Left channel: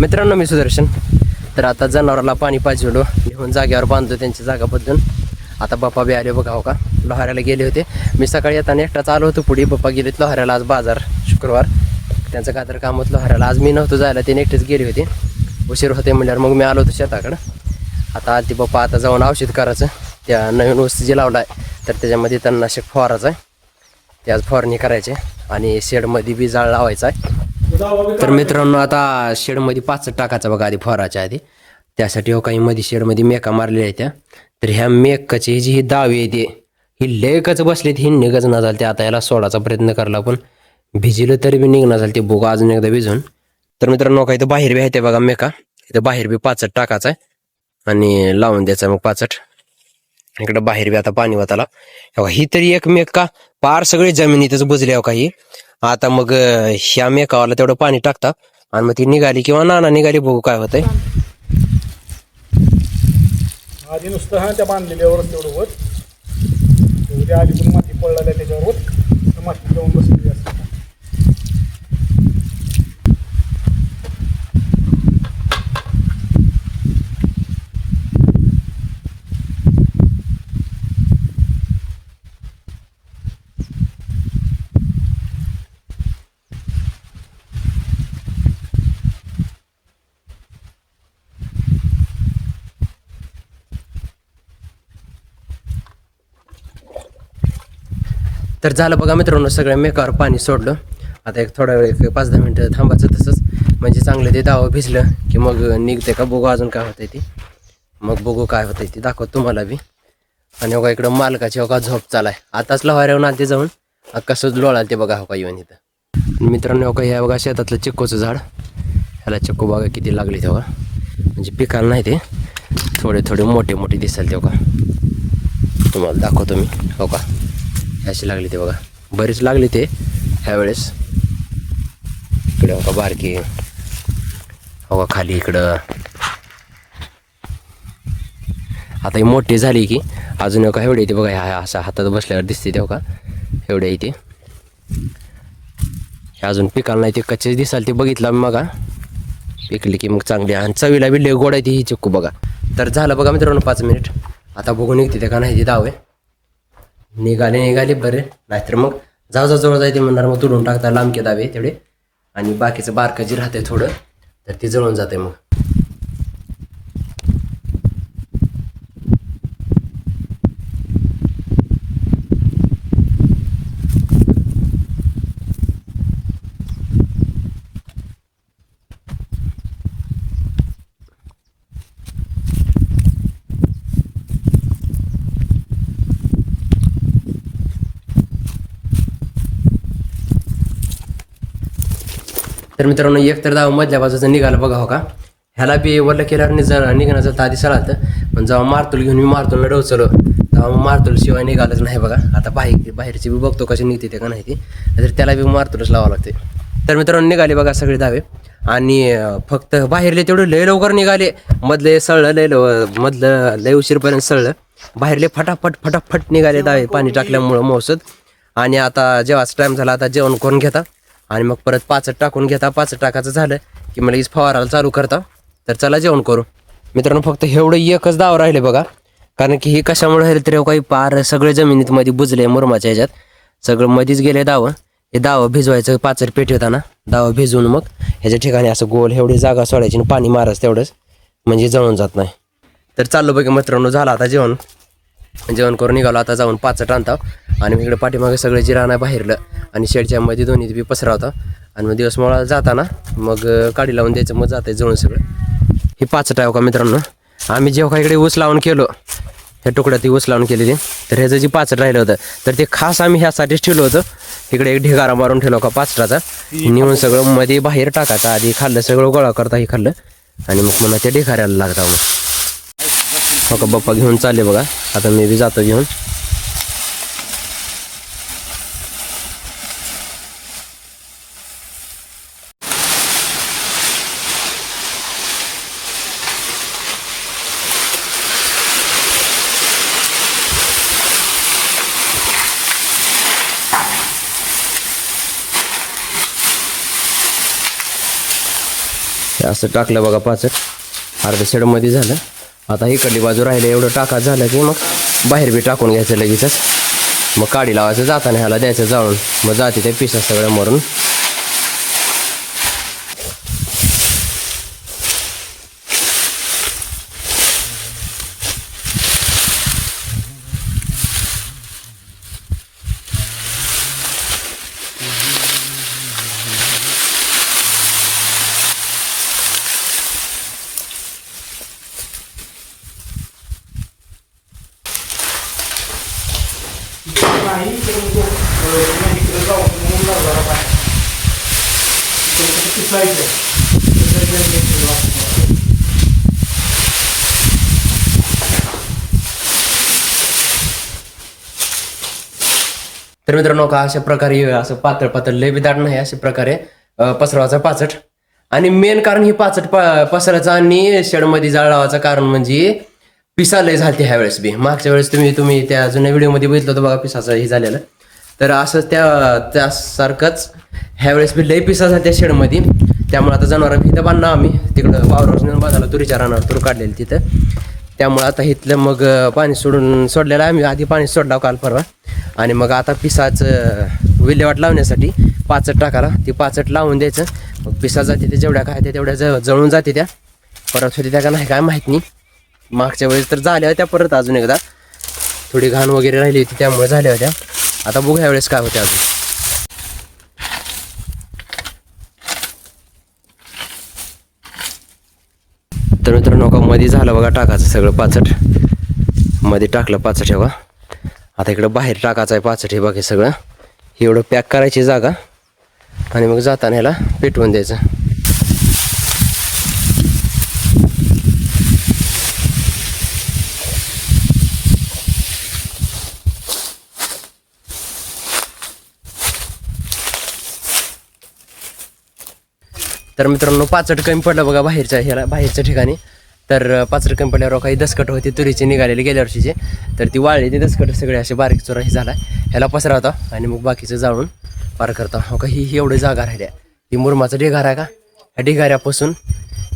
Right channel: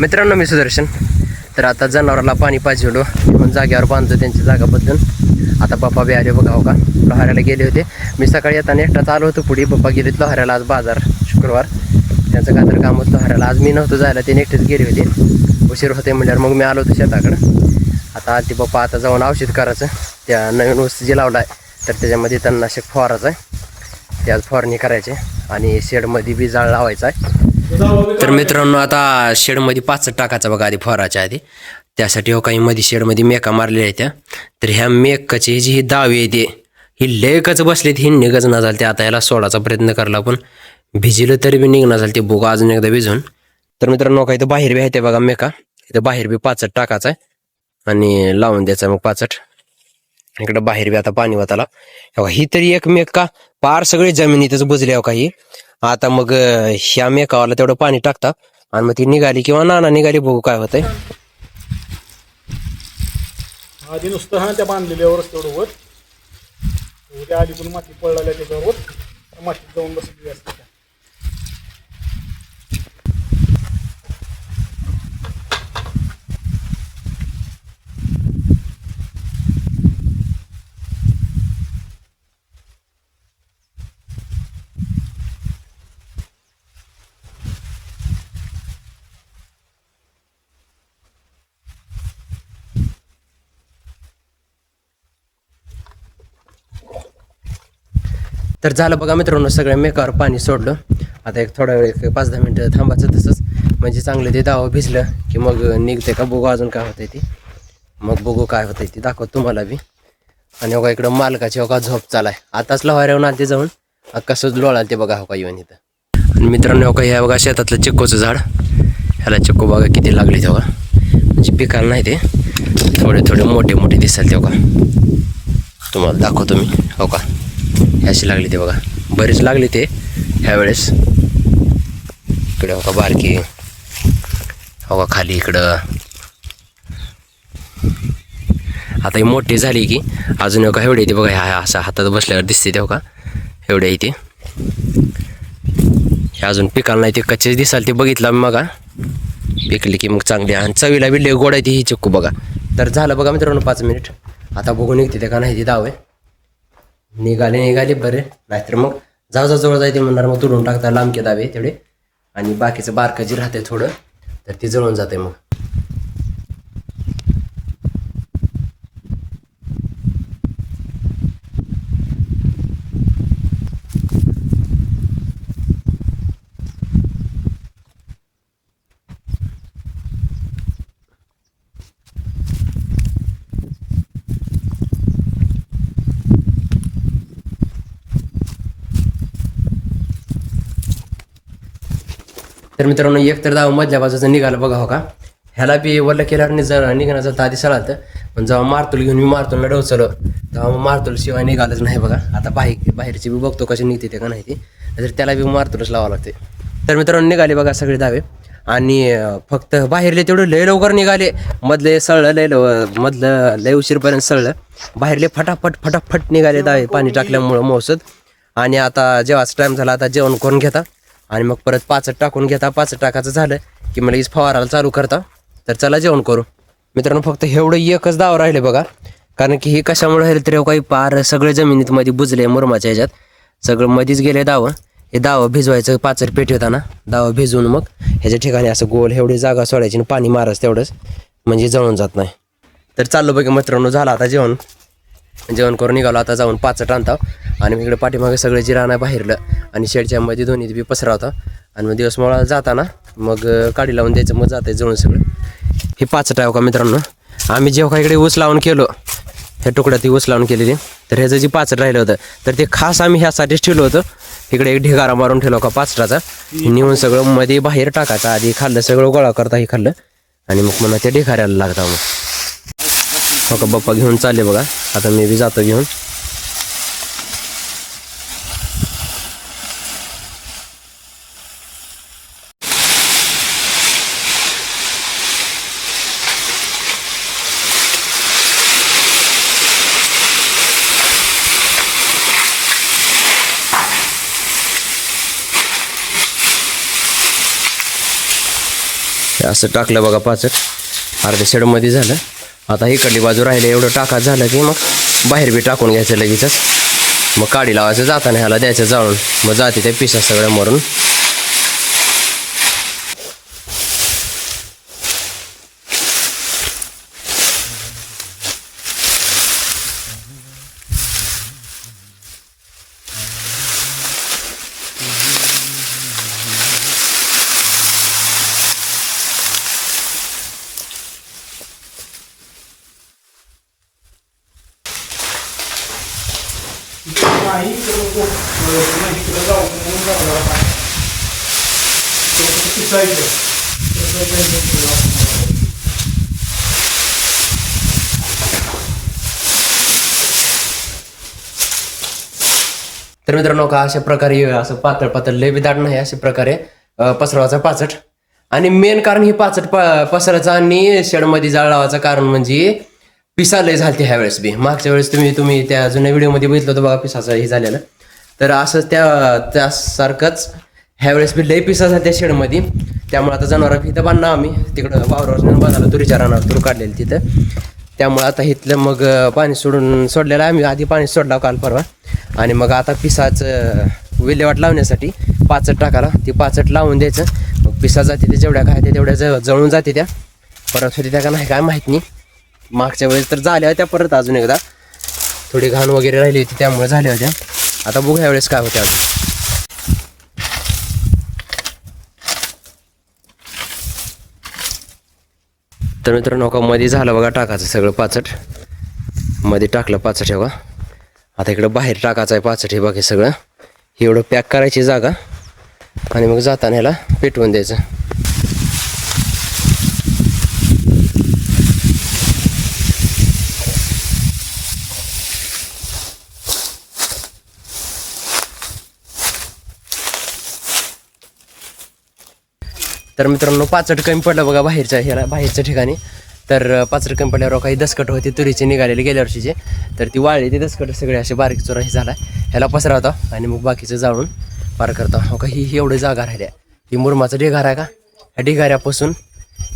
मित्रांनो मी सुदर्शन. तर आता जनावराला पाणी पाजवलो म्हणून जागेवर बांधतो त्यांची जागा बदलून. आता पप्पा बी आले बघा हो का, लोहाऱ्याला गेले होते. मी सकाळी येताना एकटाच आलो होतो पुढे. पप्पा गेलेत लोहाऱ्याला, आज बाजार शुक्रवार त्यांचं काय तर काम होतं लोहाऱ्याला. आज मी नव्हतो जायला, ते एकटेच गेले होते. उशीर होते म्हणल्यावर मग मी आलो होतो शेताकडं. आता आलते पप्पा, आता जाऊन औषध करायचं. त्या नवीन ऊस जे लावला आहे तर त्याच्यामध्ये तणनाशक फवारायचं आहे, ते आज फवारणी करायचे आणि शेडमध्ये बी जाळ लावायचा आहे. तर मित्रांनो आता शेडमध्ये 5 टाकायचा बघा आधी फवाराच्या आधी. त्यासाठी हो काही मध्ये शेडमध्ये मेका मारलेल्या आहेत त्या. तर ह्या मेकाची जी ही दावी आहे ती ही लेकच बसलीत, ही निघच ना झाली. ते आता याला सोडायचा प्रयत्न करला पण भिजलं तरी बी निघणं झालं ते बोगा अजून एकदा भिजून. तर मित्रांनो काही तर बाहेर बी आहे ते बघा मेका, इथं बाहेर बी 5 टाकायचा आहे आणि लावून द्यायचा मग 5. इकडं बाहेर बी आता पाणी वाताला. ही तरी एक मेका पार सगळी जमिनीतच बुजली हो काही. आता मग ह्या मेकावाला तेवढं पाणी टाकता आणि मग ती निघाली किंवा नाना निघाली, बघू काय होतंय. आधी नुसतं हा त्या बांधलेल्यावरच तेवढं वर उद्या आधी पण माती पडलेल्या त्याच्यावर माती जाऊन बसलेली असते. तर झालं बघा मित्रांनो, सगळ्या मेकावर पाणी सोडलं. आता एक थोडा वेळ 5-10 मिनटं थांबायचं तसंच, म्हणजे चांगलं ते दावं भिजलं की मग निघते का बघू अजून काय होतंय ते. मग बघू काय होतंय ते दाखवत तुम्हाला बी. आणि हो का इकडं मालकाची हो का झोप चालाय. आताच लवाऱ्याहून आलते जाऊन कसं लोळाल ते बघा हो का येऊन इथं. आणि मित्रांनो हो का ह्या बघा शेतातलं चिक्कूचं झाड, ह्याला चिक्कू बघा किती लागले ते बघा. म्हणजे पिकाला नाही ते, थोडे थोडे मोठे मोठे दिसाल ते बघा. तुम्हाला दाखवतो मी हो का, अशी लागली ते बघा, बरेच लागली ते ह्यावेळेस. इकडे हो का बारकी हो का, खाली इकडं. आता ही मोठी झाली की अजून हो का एवढे येते बघा, ह्या असा हातात बसल्यावर दिसते ते हो का, एवढे येते. हे अजून पिकाला नाही ते, कच्चेच दिसाल ते बघितलं मी मग. पिकली की मग चांगली आणि चवीला बी लय गोड आहे ती ही चिक्कू बघा. तर झालं बघा मित्रांनो 5 मिनिट. आता बघू निघते ते का नाही ती दावे. निघाले बरे, नाहीतर मग जाऊ जवळ जायते म्हणणार मग तुडून टाकता लांबके दावे तेवढे. आणि बाकीचं बारकं जे राहते थोडं तर ते जळून जाते मग. तर मित्रांनो एक तर दाव मधल्या बाजूचं निघालं बघा हो का. ह्याला बी वरलं केल्यावर जर निघण्याचं तर आधी सळालं, पण जेव्हा मारतूल घेऊन मी मारतूलला डोचलो तेव्हा मग मारतूल शिवाय निघालंच नाही बघा. आता बाहेरची बी बघतो कशी निघते ते का नाही ती, तर त्याला बी मारतूलच लावावं लागते. तर मित्रांनो निघाले बघा सगळे दावे. आणि फक्त बाहेरले तेवढे लय लवकर निघाले, मधले सळलं मधलं लय उशीरपर्यंत सळलं. बाहेरले फटाफट निघाले दावे पाणी टाकल्यामुळं मौसद. आणि आता जेव्हाच टाईम झाला आता जेवण करून घेता आणि मग परत 5 टाकून घेता. 5 टाकायचं झालं की मला लगेच फवाराला चालू करता. तर चला जेवण करू मित्रांनो. फक्त एवढं एकच दाव राहिले बघा, कारण की हे कशामुळे राहिले तरी काही पार सगळे जमिनीत मध्ये बुजले मुरमाच्या ह्याच्यात, सगळं मध्येच गेले दावं. हे दावं भिजवायचं पाचर पेट होताना, दावं भिजवून मग ह्याच्या ठिकाणी असं गोल एवढी जागा सोडायची आणि पाणी मारायचं तेवढंच, म्हणजे जळून जात नाही. तर चाललो बघा मित्रांनो, झालं आता जेवण करून निघालो. आता जाऊन 5 आणता आणि इकडे पाठीमागे सगळे जिराणा बाहेरलं आणि शेडच्या मध्ये दोन्ही बी पसरा होता. आणि मग दिवस मोळा जाताना मग काडी लावून द्यायचं, मग जाते जळून सगळं. हे 5 आहे का मित्रांनो. आम्ही जेव्हा इकडे ऊस लावून केलो, ह्या तुकड्यात ती ऊस लावून केलेली, तर ह्याचं जे 5 राहिलं होतं तर ते खास आम्ही ह्यासाठीच ठेवलं होतं. इकडे एक ढिगारा मारून ठेवला का 5चा नेऊन सगळं मध्ये बाहेर टाकायचं. आधी खाल्लं सगळं गोळा करता, हे खाल्लं आणि मग मला त्या ढिगाऱ्याला लागता. मग हो का बाप्पा घेऊन चालले बघा. आता मी बी जातो घेऊन. असं टाकलं बघा पाचट. अर्ध्या शेडमध्ये झालं. आता इकडली बाजू राहिले एवढं टाका झालं की मग बाहेर बी टाकून घ्यायचं लगेचच. मग काडी लावायचं जाताना ह्याला द्यायचं जाळून. मग जाते त्या पिसा सगळ्या मरून. नाही इकडं जाऊ म्हणून लागला आता. इकडं पिसायचं. तर मित्रांनो का अशा प्रकारे असं पातळ पातळ लय बिदाड नाही अशा प्रकारे पसरवायचा पाचट. आणि मेन कारण ही पाचट पसरायचं आणि शेडमध्ये जाळ लावायचं कारण म्हणजे पिसा लय झालते ह्या वेळेस बी. मागच्या वेळेस तुम्ही त्या जुन्या व्हिडिओमध्ये बघितलं होतं बघा पिसाचं हे झालेलं. तर असं त्यासारखंच ह्या वेळेस बी लय पिसा झाल्या त्या शेडमध्ये. त्यामुळे आता जनावरं इथं बांधणार आम्ही तिकडं वावरावर नेऊन बांधायला तुरीच्या रानावर तूर काढलेली तिथं. त्यामुळे आता इथलं मग पाणी सोडलेलं आहे आम्ही. आधी पाणी सोडलं काल परवा. आणि मग आता पिसाचं विल्हेवाट लावण्यासाठी पाचट टाकायला ती पाचट लावून द्यायचं. मग पिसा जाते ते जेवढ्या काय तेवढ्या जळून जाते त्या. परत होती त्या का नाही काय माहीत नाही. मागच्या वेळेस तर झाल्या होत्या परत अजून एकदा थोडी घाण वगैरे राहिली होती त्यामुळे झाल्या होत्या. आता बघू ह्या वेळेस काय होते अजून. तर मित्रांनो का मध्ये झालं बघा टाकायचं सगळं पाचट. मध्ये टाकलं पाचट हे बघा. आता इकडं बाहेर टाकायचं आहे पाचट. हे बघा सगळं एवढं पॅक करायची जागा आणि मग जाताना ह्याला पेटवून द्यायचं. तर मित्रांनो पाचट कमी पडलं बघा बाहेरच्या ठिकाणी. तर पाचट कमी पडल्यावर काही दसकट होते तुरीचे निघालेले गेल्या वर्षीचे. तर ती वाळली ते दसकट सगळे असे बारीक चोराही झाला. ह्याला पसरवता आणि मग बाकीचं जाळून पार करता. हो का ही एवढी जागा राहिल्या. ही मुरमाचं ढिगारा आहे का. ह्या ढिगाऱ्यापासून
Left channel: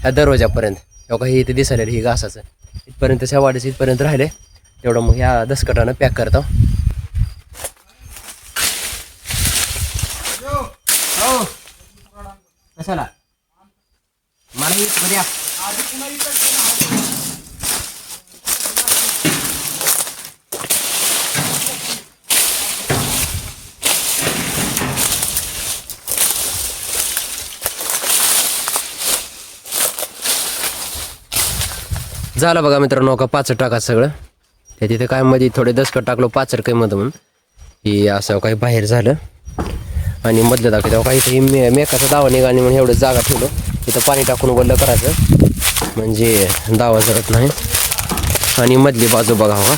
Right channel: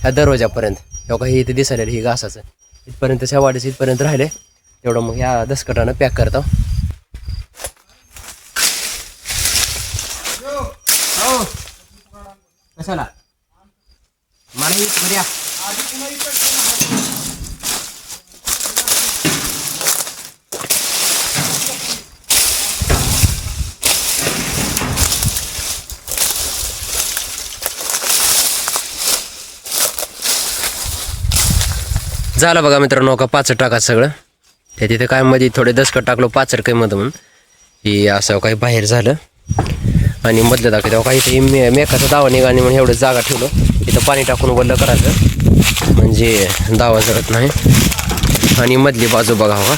ह्या दरवाजापर्यंत हो का ही इथे दिसायला ही घासाचं इथपर्यंत शेवाडीचं इथपर्यंत राहिले. तेवढं मग ह्या दसकटानं पॅक करता. कशाला मला झालं बघा मित्रांनो का पाचट टाका सगळं. त्या तिथे काय मध्ये थोडे दसकट टाकलो पाचट काही मध्ये म्हणून ही असं काही बाहेर झालं. आणि मधलं दाखवते तेव्हा काही इथे मेकाचा दावा निघाली म्हणून एवढं जागा ठेवलं. इथं पाणी टाकून वल्लं करायचं म्हणजे दावा जळत नाही. आणि मधली बाजू बघा हो का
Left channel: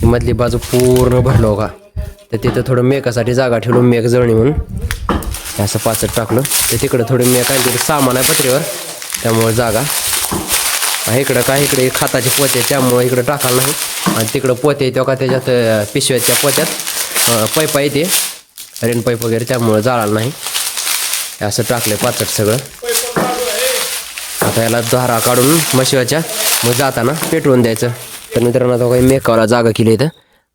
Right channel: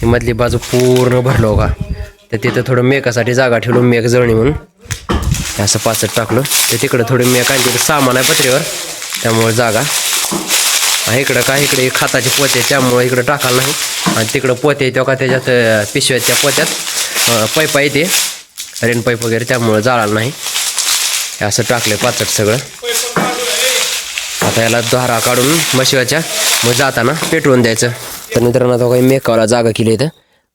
ही मधली बाजू पूर्ण भरलो का. तर तिथं थोडं मेकासाठी जागा ठेवलं मेक जळणी म्हणून असं पाचट टाकलं. तर तिकडं थोडं मेक आणि तिकडं सामान आहे पत्रीवर त्यामुळे जागा. इकडं काय इकडे खाताचे पोते त्यामुळे इकडं टाकायला नाही. आणि तिकडं पोते येते का त्याच्यात पिशव्याच्या पोत्यात पाईपा येते रेन पाईप वगैरे त्यामुळं जाळाला नाही. असं टाकलं पाचट सगळं. आता याला धारा काढून मशिवाच्या मग जाताना पेटवून द्यायचं. तर मित्रांनो आता काही मेकावला जागा केली इथं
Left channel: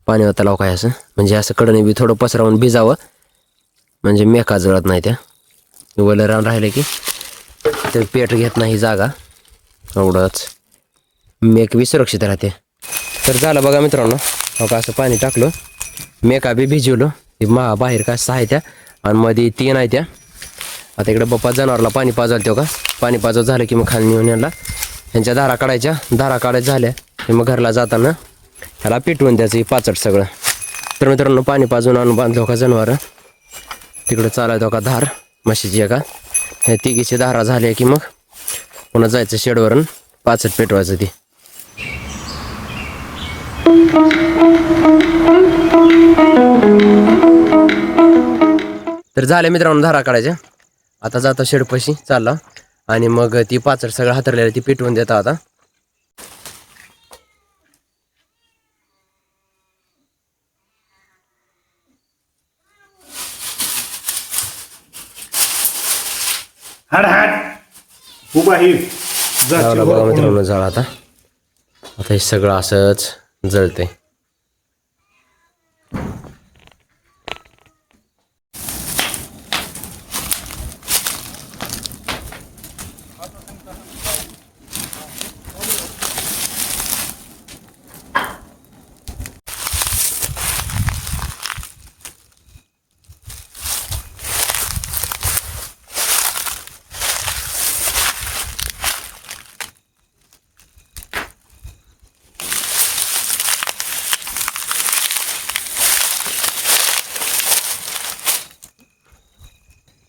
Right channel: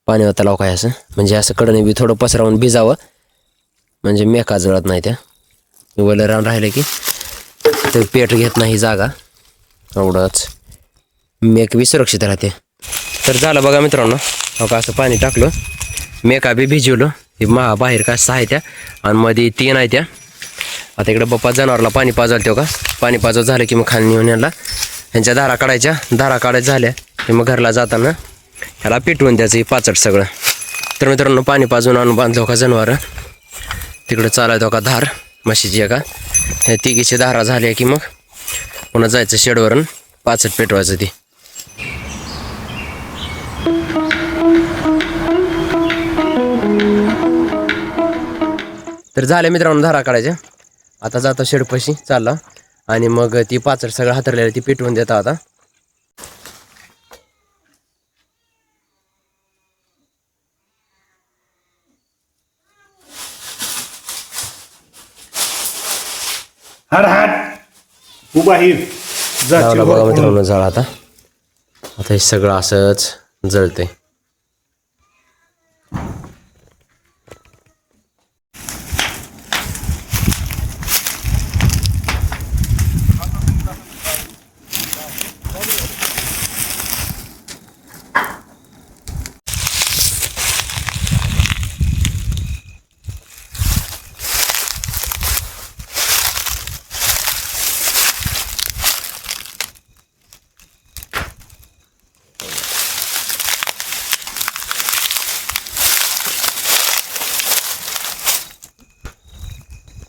पाणी होता लाव काय असं म्हणजे असं कडने बी थोडं पसरावून भिजावं म्हणजे मेका जळत नाही. त्या वलं रान राहिलं की तर पेट घेत नाही जागा एवढंच मेक बी सुरक्षित राहते. तर झालं बघा मित्रांनो हो का असं पाणी टाकलं मेका बी भिजवलं. हे बाहेर काय 6 आहे त्या आणि मध्ये 3 आहे त्या. आता इकडे बाप्पा जनावरला पाणी पाजाल तेव्हा का पाणी पाजव झालं की मग खाली नेऊन याला ह्यांच्या धारा काढायच्या. धारा काढायच्या झाल्या की मग घरला जाताना ह्याला पेटवून द्यायचं पाचट सगळं. तर मित्रांनो पाणी पाजून आणून बांधलो का जनावर तिकडं चालायचो का धार म्हशीची आहे का ह्या तिघीची धारा झाल्या की मग पुन्हा जायचं शेडवरून पाचट पेटवायचं ती. तर झाले मित्रांनो धारा काढायच्या. आता जाता शेडपाशी चालला आणि मग ती पाचट सगळं हातरलेलं ती पेटवून देता. आता हट हट खूप आहे लावला बघा मित्रांनो जाळ. आता हे सगळं असंच जळतंय.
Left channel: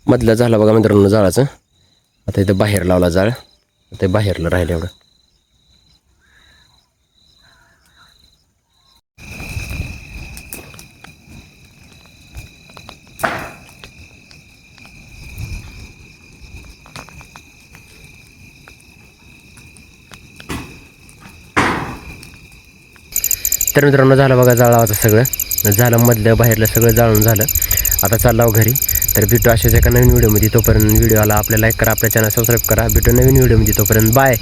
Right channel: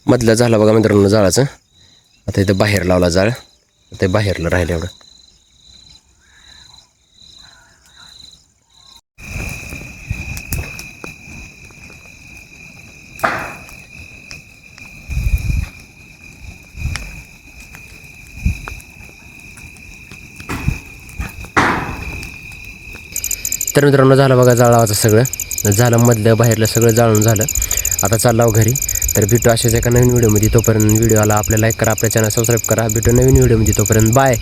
मधलं झालं बघा मित्रांनो जाळाचं. आता इथं बाहेर लावला जाळ. ते बाहेरला राहिलं एवढं. तर मित्रांनो झालं बघा जाळाचं सगळं झालं. मधलं बाहेरलं सगळं जाळून झालं. आता चाललो घरी. तर भेटू अशाच एका नवीन व्हिडिओमध्ये. तोपर्यंत व्हिडिओला आपल्या लाईक करा, आपल्या चॅनल सबस्क्राईब करा. भेटू नवीन व्हिडिओमध्ये. तोपर्यंत बाय.